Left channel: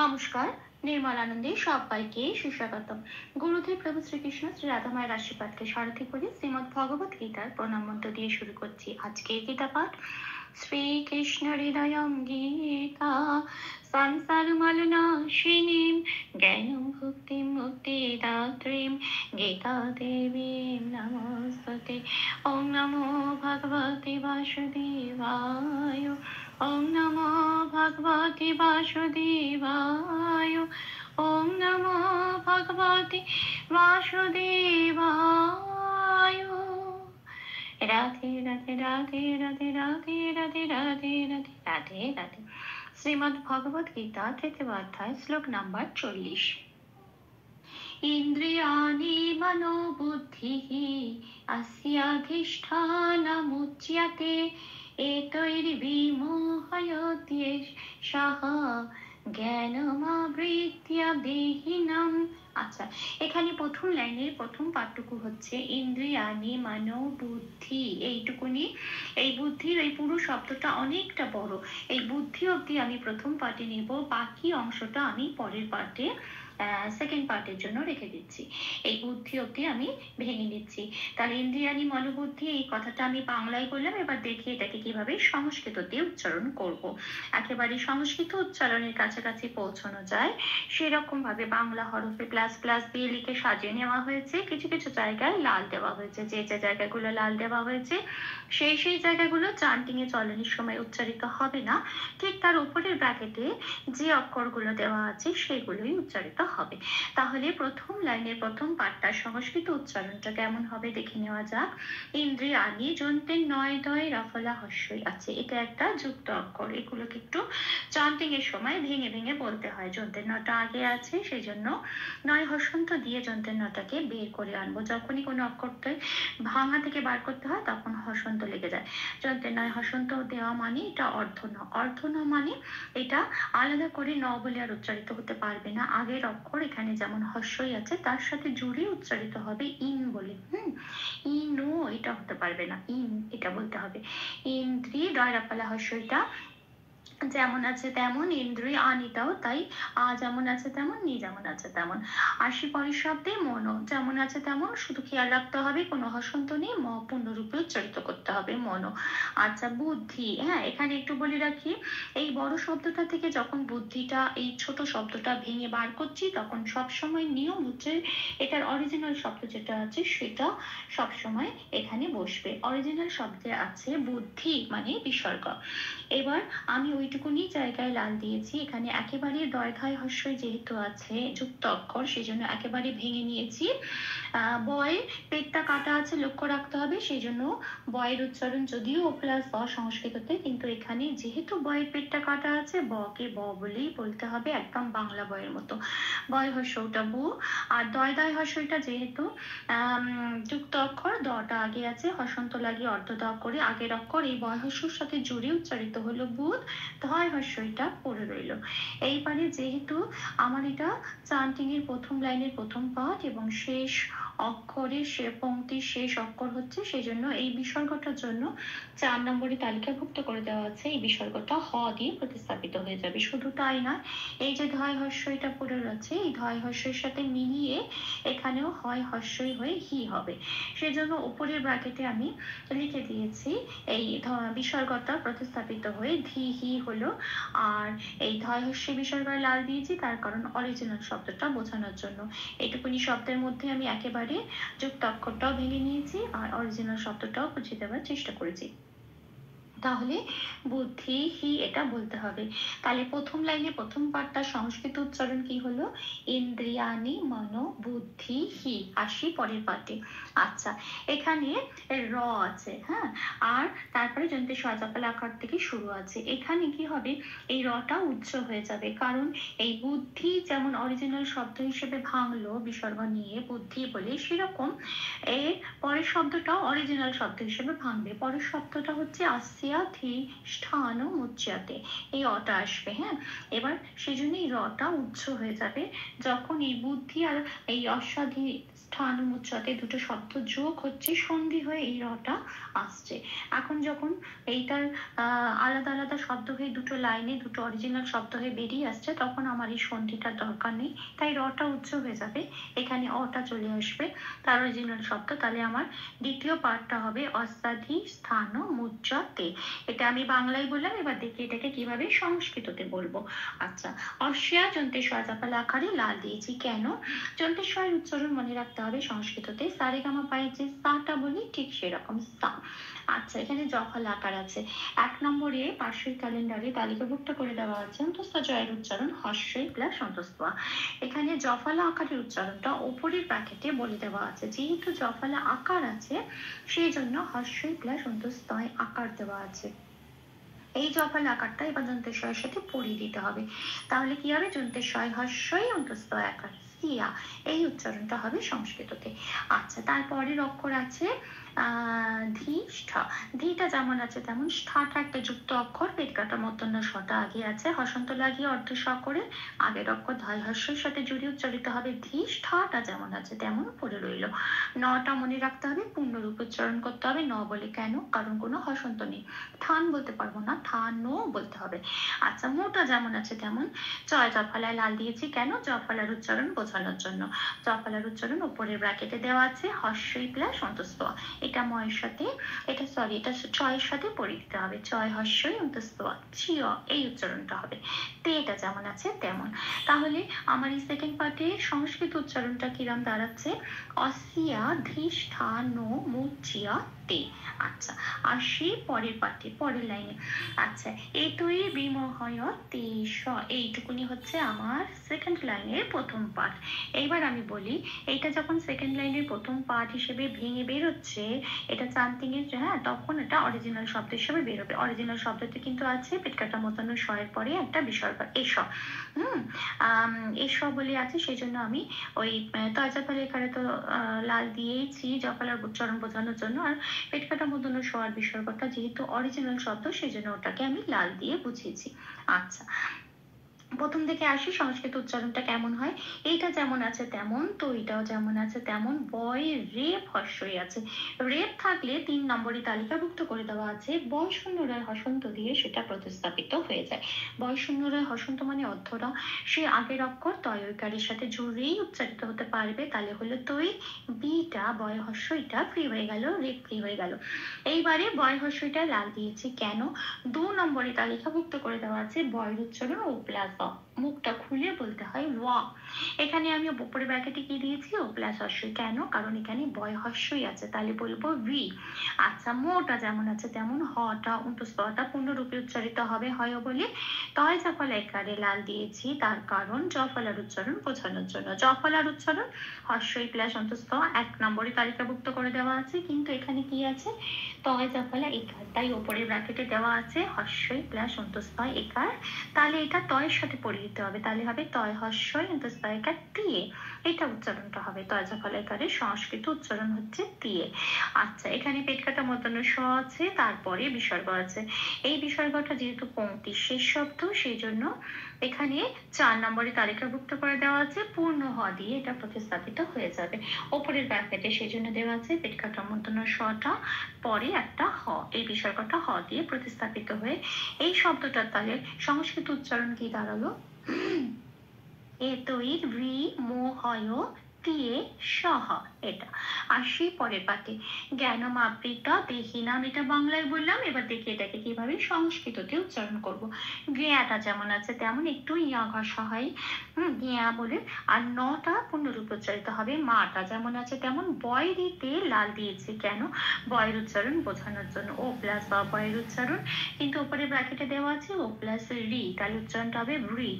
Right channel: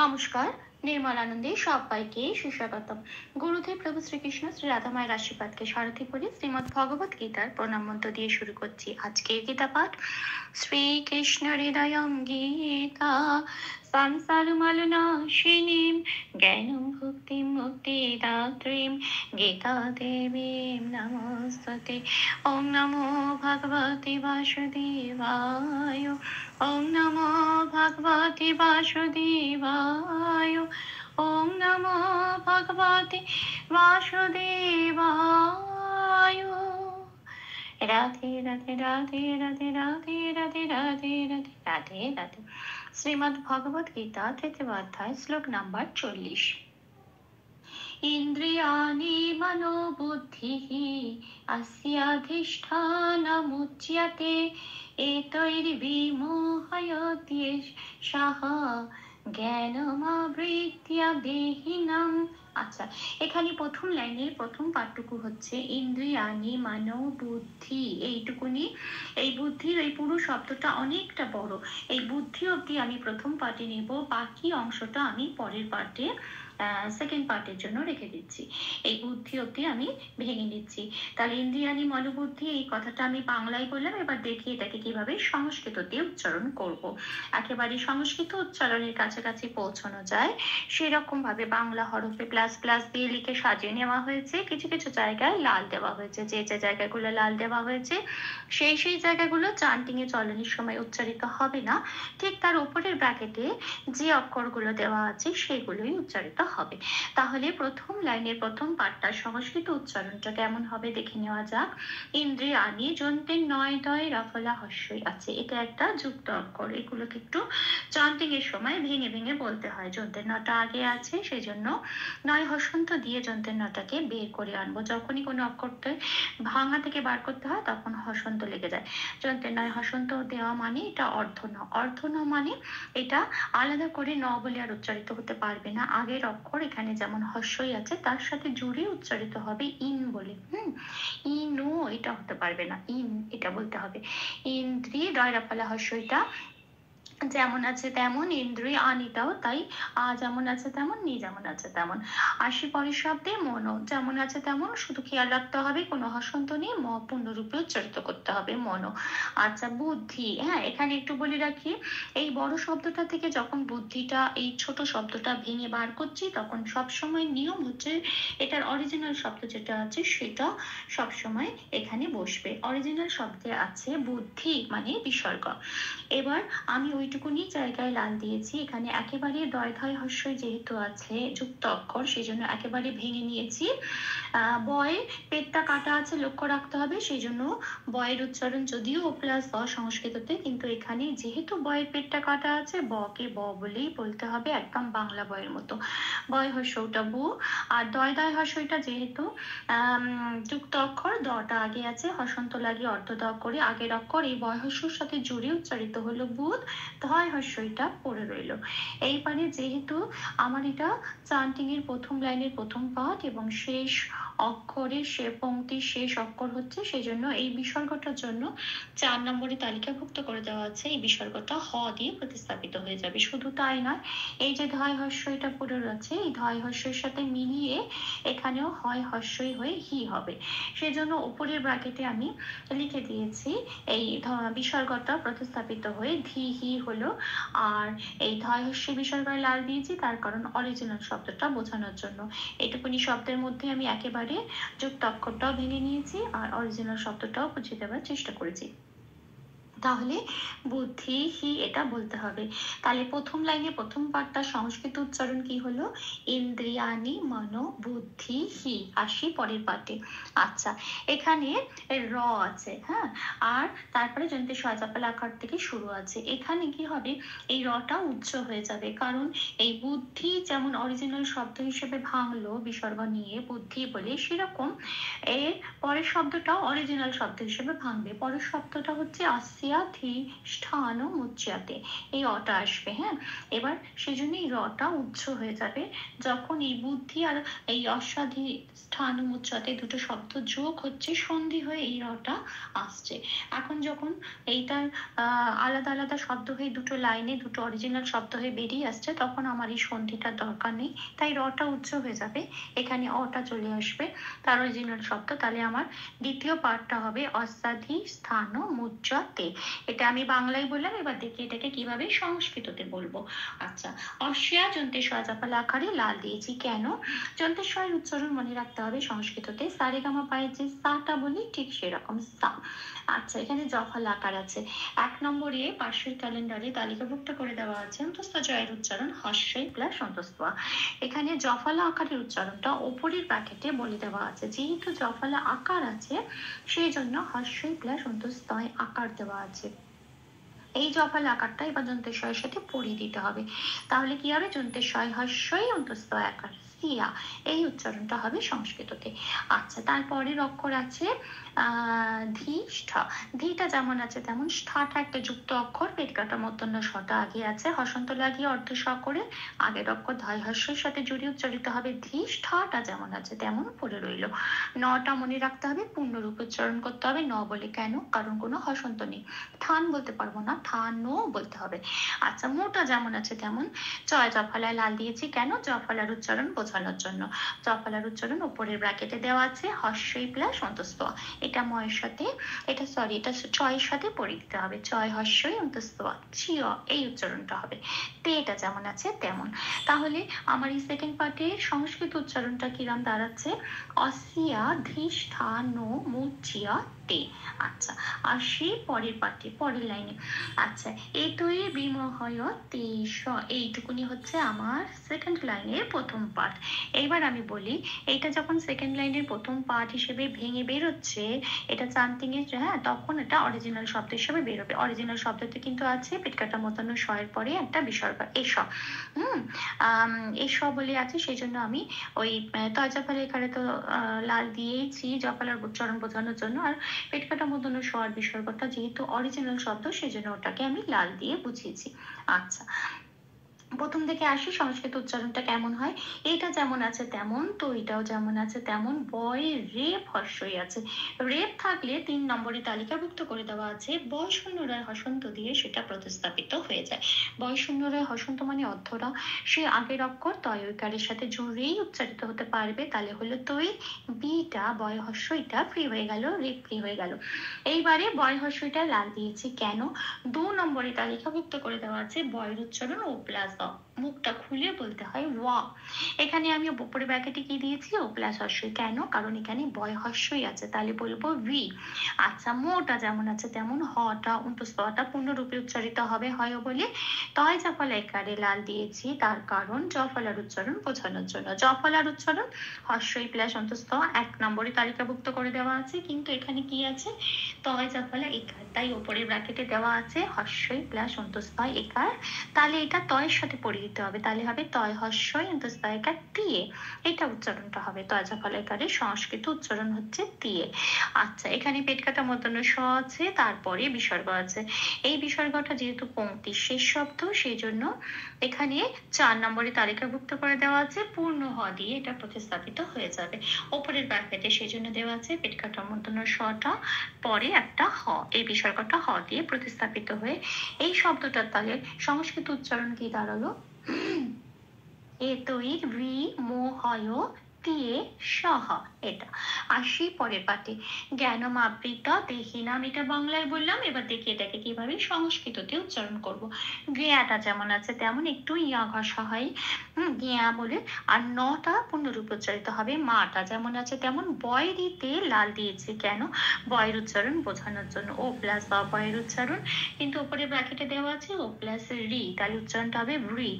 নমস্কার, নির্মলানন্দে সবাইকে সুস্বাগতম। গুরুদেব প্রভু শ্রীকৃষ্ণ শ্রী রাধা মায়ের আশীর্বাদকে সারথি করে শ্রীমদ্ ভগবত গীতার প্রণাম মন্ত্র দিয়ে শুরু করছি আজকের গীতা পাঠ। শ্রীকৃষ্ণ হৃদয়ং গীতা সংসার মলনাশিনীম জ্ঞানম ভক্তিম মুক্তিদাত্রীম গীতা দেবীম নমস্তুতে। ওম নমো ভগবতে বাসুদেবায়। ওম নমো ভগবতে বাসুদেবায়। ওম নমো ভগবতে বাসুদেবায়। রাধে রাধে রাধে রাধে রাধে রাধে রাধে রাধে রাধে রাধে। শ্রীমদ্ ভগবত গীতা তৃতীয় অধ্যায় শ্লোক নাম্বার 40। ইন্দ্রিয়াণি মনোবুদ্ধিঃ अस्याधिष्ठानमुच्यते এতৈর্বিমোহয়ত্যেষাঃ জ্ঞানমাবৃত্য দেহিনাম। আচ্ছা, এখানে প্রথম লাইনের প্রথম পাঠটুকু হচ্ছে ইন্দ্রিয়াণি মানো বুদ্ধি, এইটুকুনি। এই বুদ্ধির এই পুরো শব্দটা অনেকটা বড়। এই বুদ্ধি অবধি আমি প্রথম পাঠে নেব, বাকি অংশটা আমি পরের পাঠে সেকেন্ড পার্টের জন্য রেখে দিচ্ছি। এই বুদ্ধি অবধি আমি ভেঙে নিচ্ছি। তাহলে ইন্দ্রিয়াণি মনোবুদ্ধি এই কথাটা আমি বাংলায় বললাম, এবার দেখি এটাকে কিভাবে সংস্কৃত দিয়ে উচ্চারণ করব। একেবারে সংস্কৃত উচ্চারণের কাছাকাছি পৌঁছানো যায় সেরকম ভাবে বাংলা হরফে প্লাস প্লাস দিয়ে লিখে সাজিয়ে নেওয়া হয়েছে। কিছু কিছু জায়গায় লাল দেওয়া হয়েছে, যে যে জায়গাগুলো লাল দেওয়া হয়েছে সেই সেই জায়গাগুলো চান্টিং এ চলনের সময় উচ্চারিত হবে না, ঠিক তার উপরের ব্র্যাকেটে যে অক্ষরগুলো দেওয়া আছে সেগুলোই উচ্চারিত হবে। তাহলে প্রথম লাইনের প্রথম পাঠটার সংস্কৃত উচ্চারণটা কেমন হবে দেখে নেওয়া যাক। ইন্দ্রিয়াণি যন্ত্রের নয় দয় রফলা হস্যই আছে, এটা একটা যুক্ত অক্ষর। এগুলোকে একটু চান্টিং এর সময় ভেঙে ভেঙে বলতে হয়। যন্ত্রের নটা আগে আছে সেই জন্য নয় হসন্ত দিয়ে যন্ত্রের নটাকে বের করে আনবো। যখনই কোনো অক্ষরটা ভাঙা থেকে বার করতে হয় তখন হসন্ত লেগে যায়। যন্ত্রের নয় হসন্ত দেওয়া মানে এটা অর্ধ ন। অর্ধ ন মানে এটা আলাদা করে ন বলে আর উচ্চারিত হতে পারবে না। আগের অক্ষর এখানে যেমন হস্যই আছে তার সাথে জুড়ে উচ্চারিত হবে ইন বলে। ইনো এটা হতে পারবে না, ইন এটা বলতে হবে। ইন্দ্রি দয়রাপালা হস্যটা যেমন আছে তেমন, ইন্দ্রিয় আনিটাও তাই, যেমন আছে তেমন, নি যেমন আছে তেমন। আসি পরের শব্দে মনো, যেমন আছে তেমন, শুধু খেয়াল রাখতে হবে কোনো হসন্ত নেই, ম পূর্ণরূপে উচ্চারিত করতে হবে মনো। আচ্ছা, বুদ্ধি, হ্যাঁ এখানে একটু বলে রাখি, এই বড় শব্দটা থেকে যখন বুদ্ধিটা এই ছোট শব্দটা ভেঙে বার করছি তখন সবসময় নিয়ম হচ্ছে এটার অরিজিনাল শব্দ যেটা আছে সেটা সবসময় এখানে বসবে। অরিজিনাল শব্দে আছে বুদ্ধি মানে বিসর্গ। এবার আমি ওইটুকুনি জায়গায় লাল দিয়েছি, এখানে একেবারে দয় ধয় হস্যই যেহেতু আছে যুক্ত অক্ষর সেই জন্য একেবারে ভেঙে নিয়েছি। বয় পেটটা কাটা আছে লক্ষ্য রাখতে হবে, সেই জন্য বয়ের উচ্চারণ যদিও ও প্লাস ব সংস্কৃততে, কিন্তু এখানে যেহেতু বয়ের পেটটা কাটা আছে বকে ব বলেই বলতে হবে, একদম বাংলা বয়ের মতো। বয় হস্যটা বু, আর দয় দয় হস্যটা যেহেতু যুক্ত অক্ষর, দটা আগে আছে, হসন্ত লাগিয়ে অর্ধ দ করে আগের অক্ষর এই বয় হস্যর সাথে জুড়ে উচ্চারিত হলো বুধ, ধয় হস্যটা পড়ে রইল। এইবারে যেহেতু আমার এটা চান্টিং এর প্রথম লাইনের প্রথম পাঠ এবং শেষ অক্ষরের সে পংক্তির শেষ অক্ষর হচ্ছে, সেই জন্য এই বিসর্গটার জন্য 4 নম্বরে তালিকাভুক্ত করে দেওয়া আছে। এই বিসর্গটা হ দিয়ে প্রতিস্থাপিত হয়ে যাবে। শুধু তাই নয়, এই যে ধয় হস্যটা পড়ে রয়েছে এই ধয় হস্যের সাথে মিলিয়ে এখানেও হয় হস্যই হয়ে হি হবে। সেজন্য উপরের ব্র্যাকেটে আমি লিখে দিয়েছি এই বিসর্গটা প্রতিস্থাপিত হয়ে ধি হি হলো। আর এই ধয় হস্যে বিসর্গয় লাল দিয়েছি তার কারণ অরিজিনাল শব্দটা বোঝানোর জন্য। এইটুকুনি শব্দের মধ্যে আমি একেবারে যুক্ত অক্ষরটাও ভেঙে নিয়েছি আর অরিজিনাল শব্দটাও বুঝিয়ে দেওয়ার চেষ্টা করেছি। তাহলে বুদ্ধি হি এটা বলতে হবে। তাহলে প্রথম লাইনে প্রথম পাঠটা সংস্কৃত উচ্চারণ কি হলো? ইন্দ্রিয়াণি মনো বুদ্ধি হি। আসি পরের পাঠে। আচ্ছা, এখানে র আছে, হ্যাঁ, আর তারপরে যন্ত্র সজাপাল আকার থেকে শুরু আছে। এখানে কি হবে, এই রটা উচ্চ হয়ে যাবে, কারণ এই বুদ্ধি যেমন অরিজিনাল শব্দ হিসেবে ভাঙলো বিসর্গ নিয়ে বুদ্ধি বলে, সেরকম এর পরের শব্দটাও অরিজিনাল শব্দ হিসেবে ভাঙবে। পরের শব্দটা হচ্ছে আসছে অস্যাধিষ্ঠান মুচ্যতে, এই অটা আসবে। হ্যাঁ, এবার সেজন্য এই রটা উচ্চ হয়ে যাবে যখন এই বুদ্ধি আর এই অস্যাধিষ্ঠান মুচ্যতে দুটো শব্দ যোগ হচ্ছে, সন্ধি হয়ে এই রটা আসছে। এখন যখন এইটার আলাদা আলাদা শব্দ হয়ে দুটো লাইনে দুটো অরিজিনাল শব্দ হয়ে বেরিয়ে আসছে, তখন আমার এই সন্ধিটার দরকার নেই, তাই রটা উচ্চ হয়ে যাবে, এখানে অটা চলে আসবে তার অরিজিনাল শব্দ। তাহলে আমার দ্বিতীয় পার্টটা হবে অস্যাধিষ্ঠান মুচ্যতে। এটা আমি বাংলায় বললাম, এবার দেখি এটাকে কিভাবে সংস্কৃততে বলবো। আচ্ছা, অস্যা যন্ত্রের সজাফল আকারে লাল দিয়েছি কেন? যন্ত্রের স্বয়ের উচ্চারণ মনে রাখতে হবে সংস্কৃততে, সারেগামা পায়ের যে সাটা বলি ঠিক সেরকম সা। আচ্ছা, এখানে জফল আকার আছে। 1 নম্বরে পার্শ্বের ক্যালেন্ডারে তালিকাভুক্ত করে দেওয়া আছে অন্তস্থ জয়ের উচ্চারণ হস্যই প্লাস অন্তস্থ। এখানে জফলা আকারের উচ্চারণটা ওপরের প্যাকেটে বলে দেওয়া আছে, যেহেতু জফলা আকার আছে সেই জন্য হস্যই প্লাস অন্তস্থ আকার দেওয়া আছে। এই জফল আকারটা এবার যন্ত্রের স্বয়ের সাথে পড়িয়ে দিতে হবে, তাহলে কি হবে? যন্ত্রের স্বয় হস্যই অন্তস্থ আকার সিয়া, এই উচ্চারণটা হবে সংস্কৃততে। আচ্ছা, তারপরের অক্ষর আছে ধীষ্ঠ। ধীটা যেমন আছে তেমন ষ্ঠাটা একটা যুক্ত অক্ষর, পেট কাটা মূর্ধন্য শটা আগে আছে, হসন্ত লাগিয়ে অর্ধ স করে আগের অক্ষর ধাই হস্যের সাথে জুড়ে উচ্চারিত হবে ধী। ষ্ঠাটা যেমন আছে তেমন পড়ে রইল। নটা মনে রাখতে হবে, পূর্ণরূপ উচ্চারণ করতে হবে। ন বলে কেন? কারণ কোনো হসন্ত নেই, থান বলতে পারবো না, থানো বলতে হবে। আচ্ছা, মোটা যেমন আছে তেমন। চয় জফলায় লাল দিয়েছি কেন? জফলার উচ্চারণ বোঝানোর জন্য। জফলার উচ্চারণ উপরের ব্র্যাকেটে দেওয়া আছে হস্যই প্লাস অন্তস্থ। এটা ময়ের সাথে, এটা সরি এটা চয়ের সাথে পড়ে দিতে হবে, চয় হস্যই অন্তস্থ চিয়, এই উচ্চারণটা হবে। তে এটা যেমন আছে তেমন। তাহলে আমার এই সেকেন্ড পার্টে সংস্কৃত উচ্চারণটা কিরাম দাঁড়াচ্ছে? অস্যাধিষ্ঠান মুচ্যতে। আচ্ছা, আসি পরের পার্টে, পরের লাইনে। আচ্ছা, এতই বিমোহয় তেষ, এইটুকুনি হচ্ছে আমার সেকেন্ড লাইনের প্রথম পার্ট। এইবার আমি বলি, এটা যখন সেকেন্ড লাইনের প্রথম পার্ট হিসেবে ভেঙে বেরোচ্ছে, এটা চান্তিং এর, হ্যাঁ, তখন এটা অরিজিনাল শব্দ হিসেবে বেরোবে। অরিজিনাল শব্দতে কিন্তু আছে পেট কাটা মূর্ধন্য ষয়ের পরে একটা বিসর্গ এস। এস বলে আছে, সেই জন্য আমি ওই তয় জফলা এখানে তো লাল দিয়েছি জফলার উচ্চারণ বোঝানোর জন্য, আর পেট কাটা মূর্ধন্য ষ আর বিসর্গটা যেহেতু অরিজিনাল শব্দ সেই জন্য ওটাকে আমি লাল দিয়ে বুঝিয়েছি। আচ্ছা, প্রথম থেকে আসি, সংস্কৃত উচ্চারণটা কেমন হয়? এটা যেমন আছে তেমন, তো এটাও যেমন আছে তেমন। বয় রেপ হস্যই আছে, রেপ থাকলে 3 নম্বরে তালিকাভুক্ত করে দেওয়া আছে বয় শূন্য রায় হসন্ত দিয়ে সেটা প্রতিস্থাপিত হয়ে যায়। বয় শূন্য রায় হসন্ত মানে অর্ধরা, সে আগের অক্ষর তয় ঐকারের সাথে জুড়েই উচ্চারিত হতে পারবে, তাহলে হলো তৈ, বিটা বয় হস্যইটা ফ্রি হয়ে গেল, রেপ ফ্রি হয়ে গেল। এইবারে বয় হস্যইটা লাল দিয়েছি কেন? 2 নম্বরে তালিকাভুক্ত করে দেওয়া আছে বয়ের উচ্চারণ ও প্লাস অ, মুখটা খুলে বলতে হয় ওয়া। এখানে আমি উপরে ব্র্যাকেটে কি দিয়েছি? ও প্লাস হস্যই কেন? কারণ এখানে বয় হস্যই আছে, তাহলে বলবো ভি। আচ্ছা, মোটা যেমন আছে তেমন, হটা অন্তস্থটা পূর্ণরূপে উচ্চারিত হবে হয় বলে তয় জফলা একারে লাল দিয়েছি, তার কারণ জফলার উচ্চারণ বোঝানোর জন্য। জফলার উচ্চারণ হস্যই প্লাস অন্তস্থ 1 নম্বরে তালিকাভুক্ত করে দেওয়া আছে, কিন্তু এখানে কি আছে? তয় জফলা একার, তাই উপরের ব্র্যাকেটে দেওয়া আছে হস্যই প্লাস অন্তস্থ একার, তাহলে এটা তয়ের সাথে পড়ে দিতে হবে, তাহলে হবে তয় হস্যই অন্তস্থ একার দিয়ে, এটা উচ্চারণটা হবে। তয় জফলা একারের সংস্কৃত উচ্চারণ হচ্ছে দিয়ে। আচ্ছা, এখানে পেট কাটা মূর্ধন্য ষ আছে, তারপরে বিসর্গ আছে। এই বিসর্গটা যেহেতু পংক্তির শেষ শব্দ সেই জন্য এখানে 4 নম্বরে তালিকাভুক্ত করে দেওয়া আছে পূর্ণ হ দিয়ে এটা প্রতিস্থাপিত হয়ে যাবে ওপরের ব্র্যাকেটে, সেই জন্য দেওয়া আছে পেট কাটা মূর্ধন্য শটা পরে একটা হ, এই বিসর্গটা হ দিয়ে প্রতিস্থাপিত হয়ে এই শব্দটার তাহলে সংস্কৃত উচ্চারণ কি দাঁড়ালো? এতই বিমোহয় দিয়ে সহ, এটা। আসি পরের পাঠে, জ্ঞানম আবৃতা দেহিনাম, এটা বাংলায় বললাম, এবার দেখি এটাকে কিভাবে সংস্কৃততে উচ্চারণ করব। জ্ঞাটা যেমন আছে তেমন একটু ইয়া ঘষা হয়, জ্ঞা বলে, আর নটা পূর্ণরূপে উচ্চারিত হবে। মাটা যেমন আছে তেমন, বয় দিতে লাল দিয়েছি কেন? বয়ের উচ্চারণ বোঝানোর জন্য। ও প্লাস বা বয়ের উচ্চারণ, কিন্তু উপরে ব্র্যাকেটে দেওয়া আছে ও প্লাস রি, তাহলে উচ্চারণটা হবে রি।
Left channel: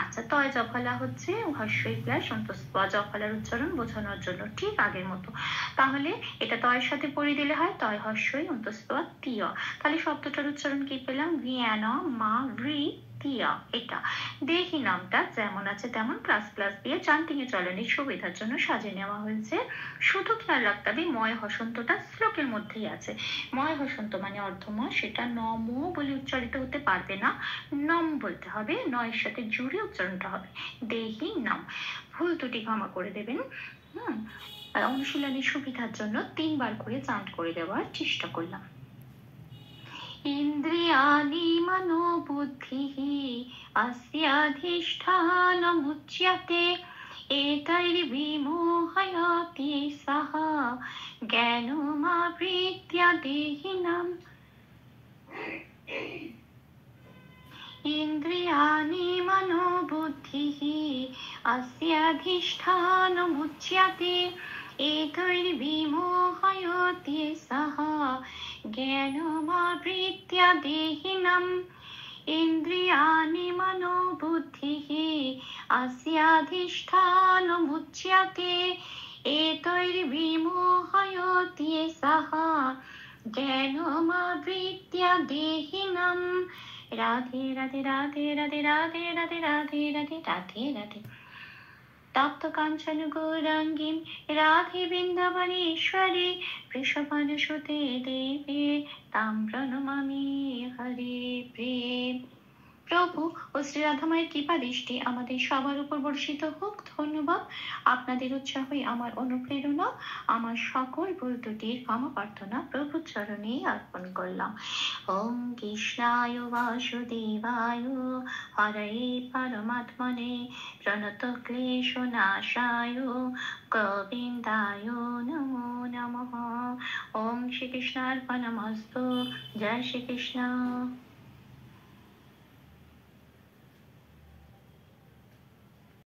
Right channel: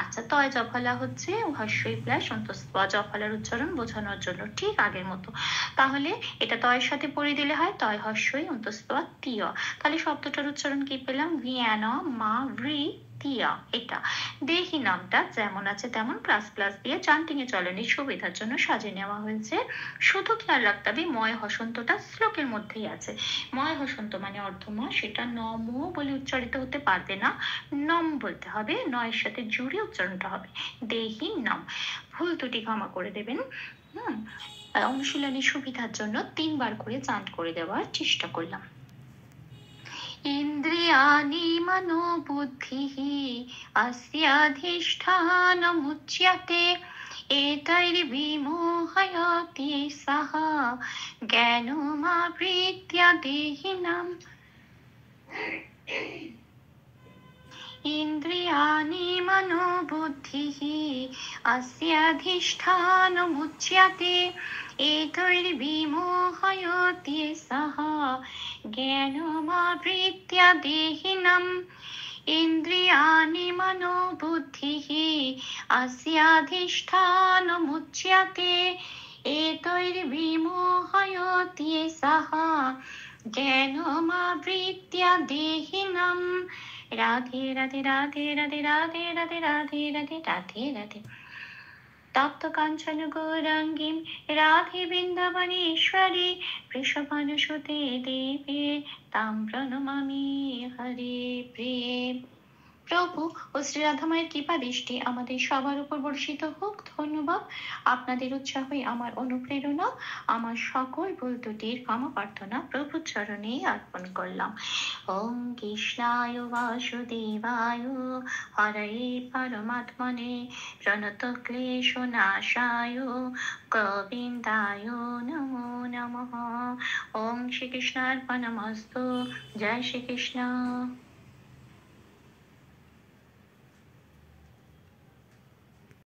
আচ্ছা, তয় জফলা হচ্ছে হস্যই প্লাস অন্তস্থ, জফলার উচ্চারণ বোঝানোর জন্য, ঠিক আগের মতো। তাহলে এটা তয়ের সাথে পড়ে দিলে হয় তয় হস্যই অন্তস্থ তীয়, তাহলে শব্দটার উচ্চারণ কি পেলাম? জ্ঞান মা রি তিয়া, এটা দেহি নামটা যেমন আছে তেমন প্লাস প্লাস দিয়ে চান্টিনে চলনের সুবিধার জন্য সাজিয়ে নেওয়া হয়েছে। শুধু খেয়াল রাখতে হবে ময় হসন্তটা শ্লোকের মধ্যেই আছে। ময় হসন্ত মানে অর্ধমা, সেটা নম বলে উচ্চারিত হতে পারবে না, নম বলতে হবে, নয়ের সাথে জুড়ে উচ্চারণটা হবে দেহি নাম। ভুল ত্রুটি ক্ষমা করে দেবেন। অনুশীলনের সুবিধার জন্য 3 বার করে চান্ট করে দেওয়ার চেষ্টা করলাম। ইন্দ্রিয়াণি মনোবুদ্ধিঃ अस्याधिष्ठानमुच्यते एतैर्विमोहयति सः ज्ञानमावृत्य देहिनम्। इन्द्रियाणि मनोबुद्धिः अस्याधिष्ठानमुच्यते एतैर्विमोहयति सः ज्ञानमावृत्य देहिनम्। इन्द्रियाणि मनोबुद्धिः अस्याधिष्ठानमुच्यते एतैर्विमोहयति सः ज्ञानमावृत्य देहिनम्। राधे राधे राधे राधे राधे राधे राधे राधे राधे राधे। तप्त कांचन गौरांगी राधे वृंदावनेश्वरी वृषभानुसुते देवी तां प्रणमामि हरे प्रेम। প্রভু ও শ্রী রাধামায়ের কৃপা দৃষ্টি আমাদের সবার উপর বর্ষিত হোক। ধন্যবাদ। আপনাদের উৎসাহই আমার অনুপ্রেরণা। আমার সকল ভুল ত্রুটির ক্ষমা প্রার্থনা প্রভুর চরণে অর্পণ করলাম। ওম কৃষ্ণায় বাসুদেবায় হরয়ে পরমাত্মনে প্রণত ক্লেশনাশায় গোবিন্দায় নমো নমঃ। ওম শ্রীকৃষ্ণার্পণমস্তু। জয় শ্রীকৃষ্ণ।